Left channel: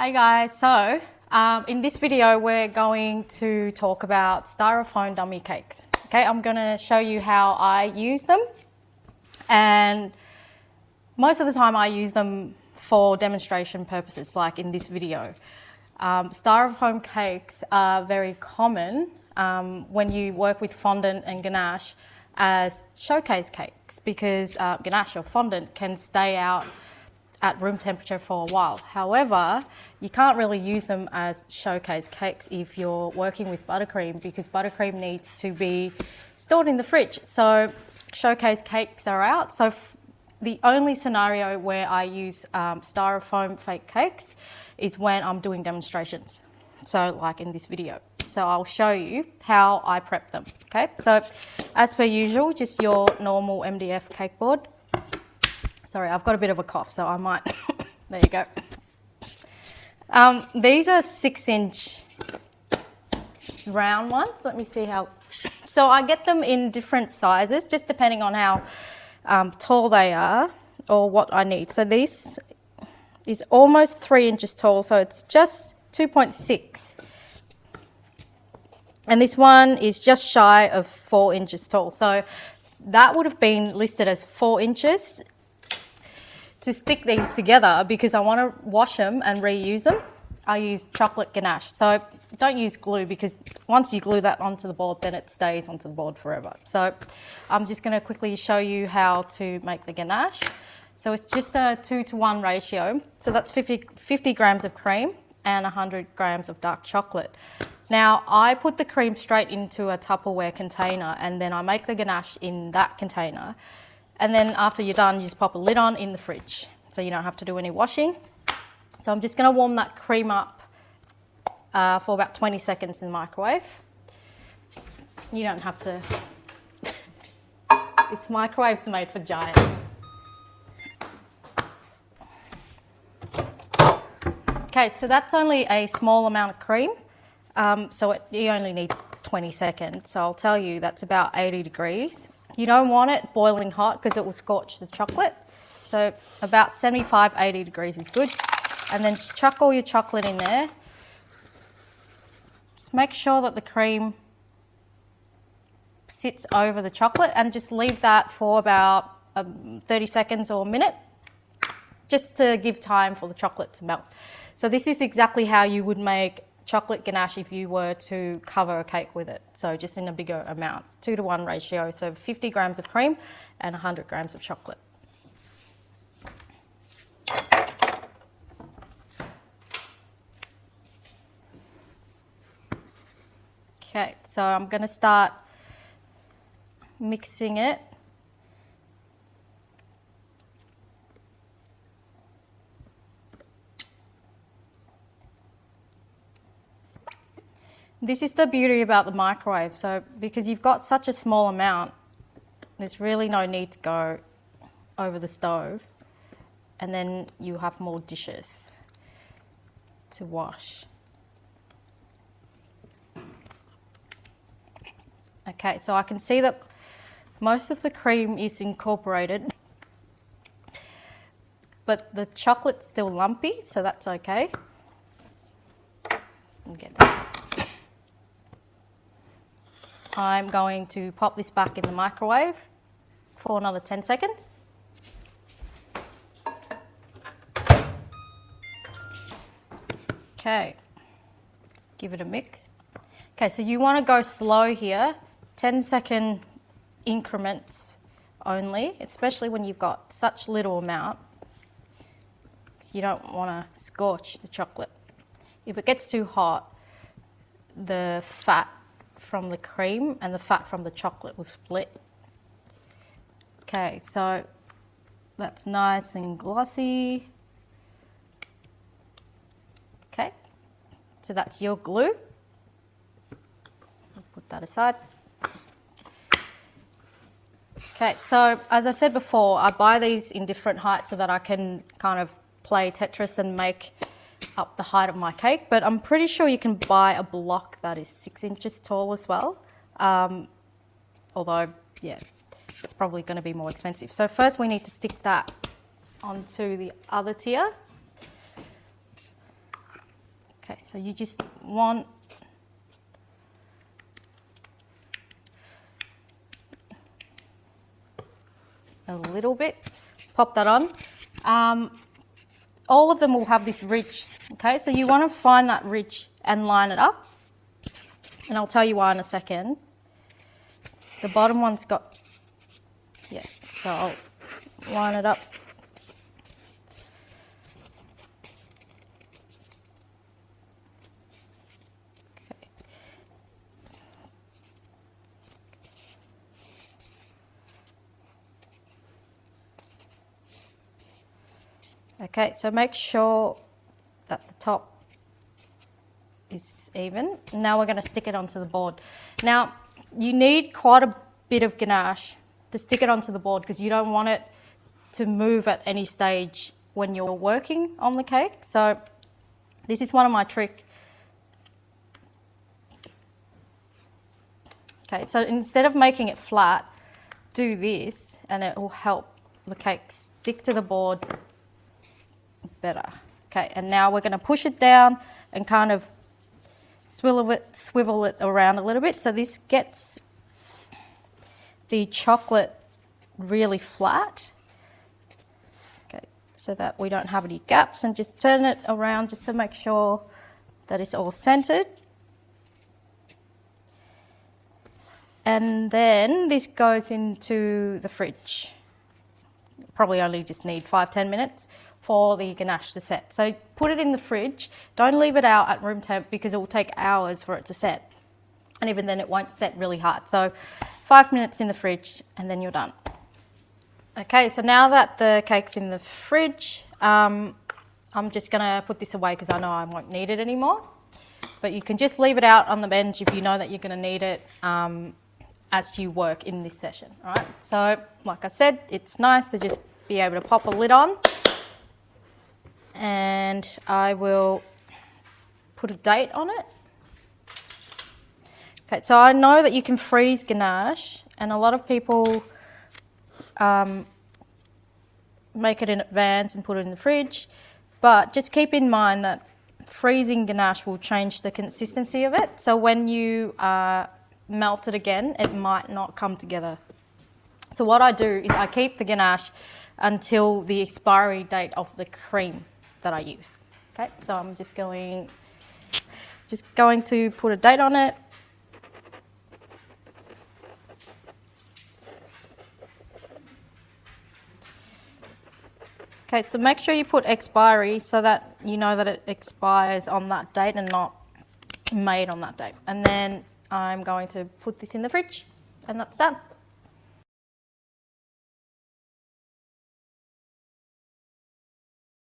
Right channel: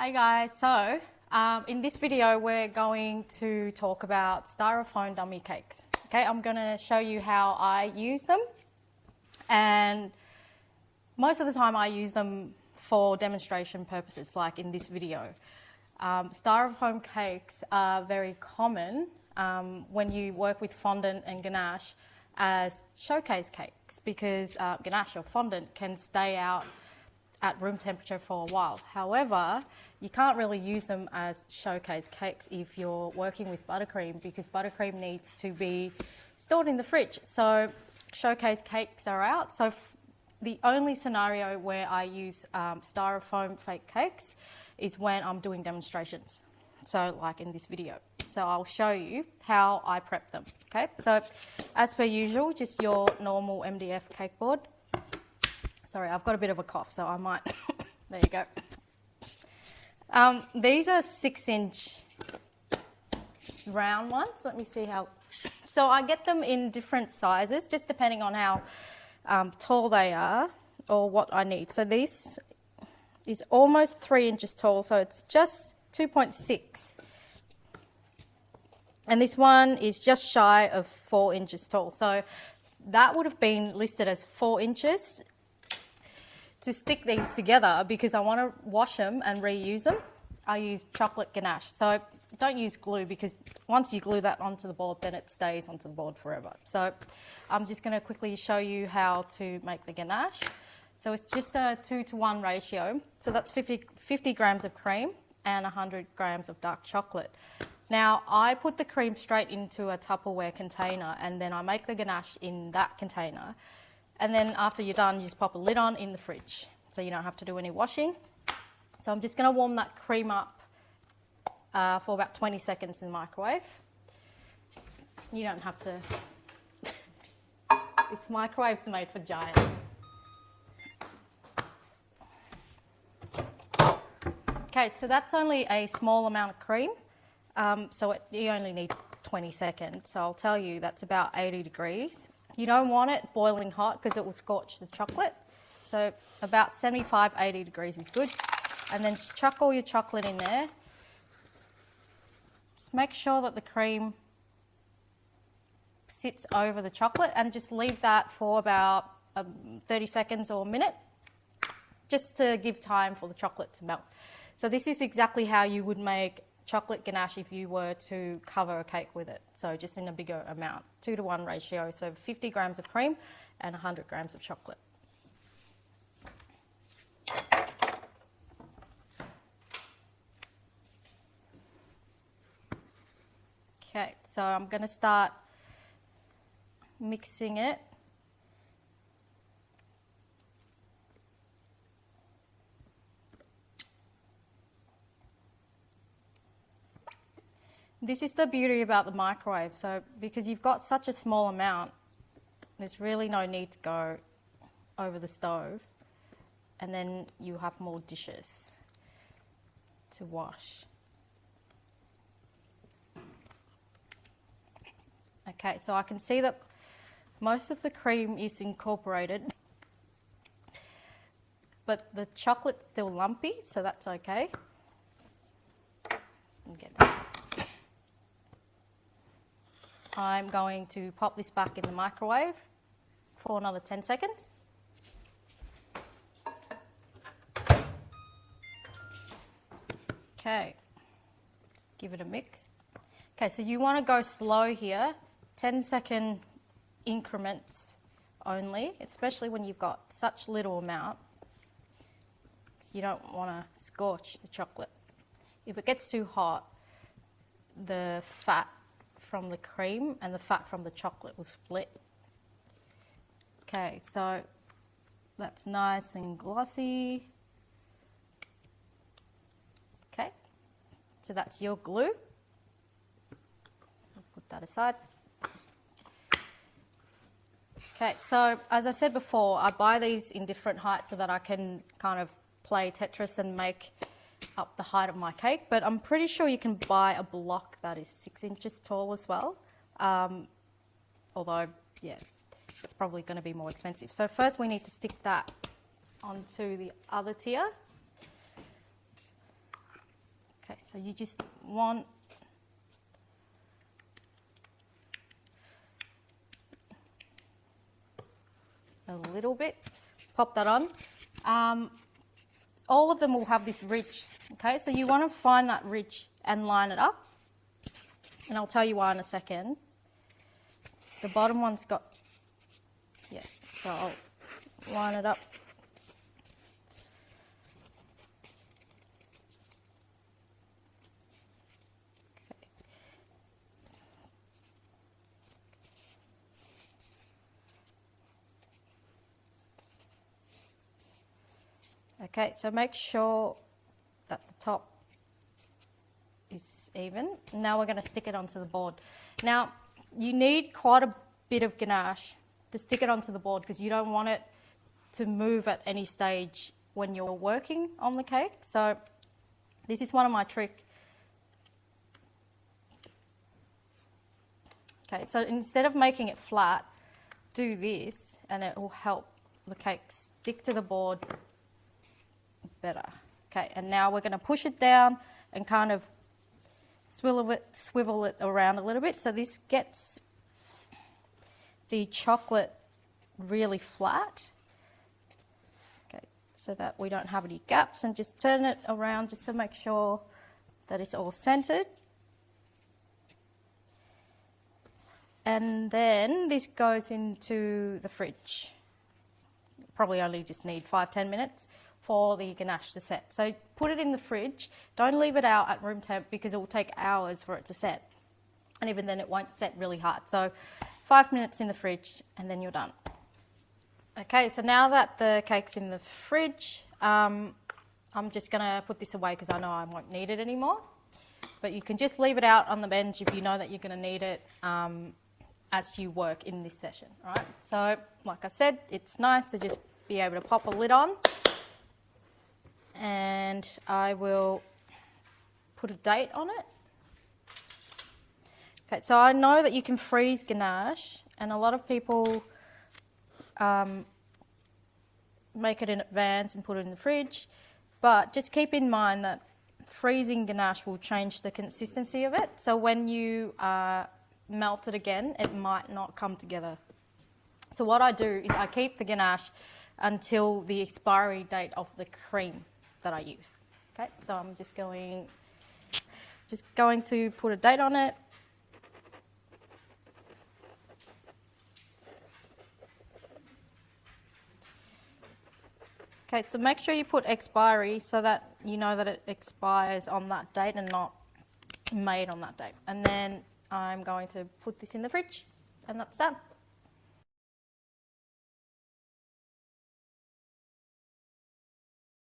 Hi guys, so in this video we're going to talk about styrofoam dummy cakes. Okay, I'm going to show you how I use them, and most of the time I use them for demonstration purposes, like in this video. Styrofoam cakes are very common when you work with fondant and ganache as showcase cakes, because ganache or fondant can stay out at room temperature for a while. However, you can't really use them as showcase cakes if you're working with buttercream, because buttercream needs to be stored in the fridge. So showcase cakes are out. So the only scenario where I use styrofoam fake cakes is when I'm doing demonstrations. So like in this video. So I'll show you how I prep them. Okay, so as per usual, just your normal MDF cake board. Sorry, I've got a bit of a cough, so I might, there you go. These are 6-inch round ones. Let me see how, so I get them in different sizes, just depending on how tall they are or what I need. So this is almost 3 inches tall, so it's just 2.6. And this one is just shy of 4 inches tall. So that would have been listed as 4 inches. To stick these together, because I want to wash them and reuse them, I use chocolate ganache. So don't use glue, because once you glue that onto the board, then it stays onto the board forever. So I'm just going to quickly show you how to make the ganache. So it's just a 2-to-1 ratio. So that's 50 grams of cream and 100 grams of dark chocolate. Now I put the cream straight into a Tupperware container, and then I make the ganache in that container. And then after you're done, you just pop a lid on in the fridge, so you don't have to do any washing. So I'm just going to warm that cream up for about 20 seconds in the microwave. You don't have to. It's microwaves made for giants. Okay, so that's only a small amount of cream, so you only need 20 seconds. So I'll tell you that's about 80 degrees. You don't want it boiling hot because it will scorch the chocolate. So about 75, 80 degrees is good. And then just chuck all your chocolate in there. Just make sure that the cream sits over the chocolate, and just leave that for about 30 seconds or a minute, just to give time for the chocolate to melt. So this is exactly how you would make chocolate ganache if you were to cover a cake with it. So just in a bigger amount, 2-to-1 ratio. So 50 grams of cream and 100 grams of chocolate. Okay, so I'm going to start mixing it. This is the beauty about the microwave. So because you've got such a small amount, there's really no need to go over the stove, and then you have more dishes to wash. Okay, so I can see that most of the cream is incorporated, but the chocolate's still lumpy, so that's okay. I'll get that. I'm going to pop this back in the microwave for another 10 seconds. Okay, let's give it a mix. Okay, so you want to go slow here, 10-second increments only, especially when you've got such little amount. You don't want to scorch the chocolate. If it gets too hot, the fat from the cream and the fat from the chocolate will split. Okay, so that's nice and glossy. Okay, so that's your glue. I'll put that aside. Okay, so as I said before, I buy these in different heights so that I can kind of play Tetris and make up the height of my cake, but I'm pretty sure you can buy a block that is 6 inches tall as well. Although, yeah, it's probably going to be more expensive. So first we need to stick that onto the other tier. Okay, so you just want a little bit, pop that on. All of them will have this ridge, okay? So you want to find that ridge and line it up. And I'll tell you why in a second. The bottom one's got, yeah, so I'll line it up. Okay, so make sure that the top is even. Now we're going to stick it onto the board. Now, you need quite a bit of ganache to stick it onto the board because you don't want it to move at any stage when you're working on the cake. So this is one of my tricks. Okay, so instead of making it flat, do this and it will help the cake stick to the board better. Okay, and now we're going to push it down and kind of swivel it around a little bit so this gets the chocolate really flat. Okay, so that we don't have any gaps, and just turn it around just to make sure that it's all centered. And then this goes into the fridge. Probably only just need 5-10 minutes for the ganache to set. So put it in the fridge. Don't leave it out at room temp because it will take hours for it to set. And even then it won't set really hard. So 5 minutes in the fridge and then you're done. Okay, so now that the cake's in the fridge, I'm just gonna put this away because I know I won't need it anymore. But you can just leave it out on the bench if you know that you're gonna need it as you work in this session, all right? So, like I said, it's nice to just be able to pop a lid on. And I will put a date on it. Okay, so I know that you can freeze ganache, and a lot of people make it in advance and put it in the fridge, but just keep in mind that freezing ganache will change the consistency of it. So when you melt it again, it might not come together. So what I do is I keep the ganache until the expiry date of the cream that I use. Okay, so I'm just going to put a date on it. Okay, so make sure you put expiry so that you know that it expires on that date and not made on that date. And then I'm going to put this in the fridge, and that's done.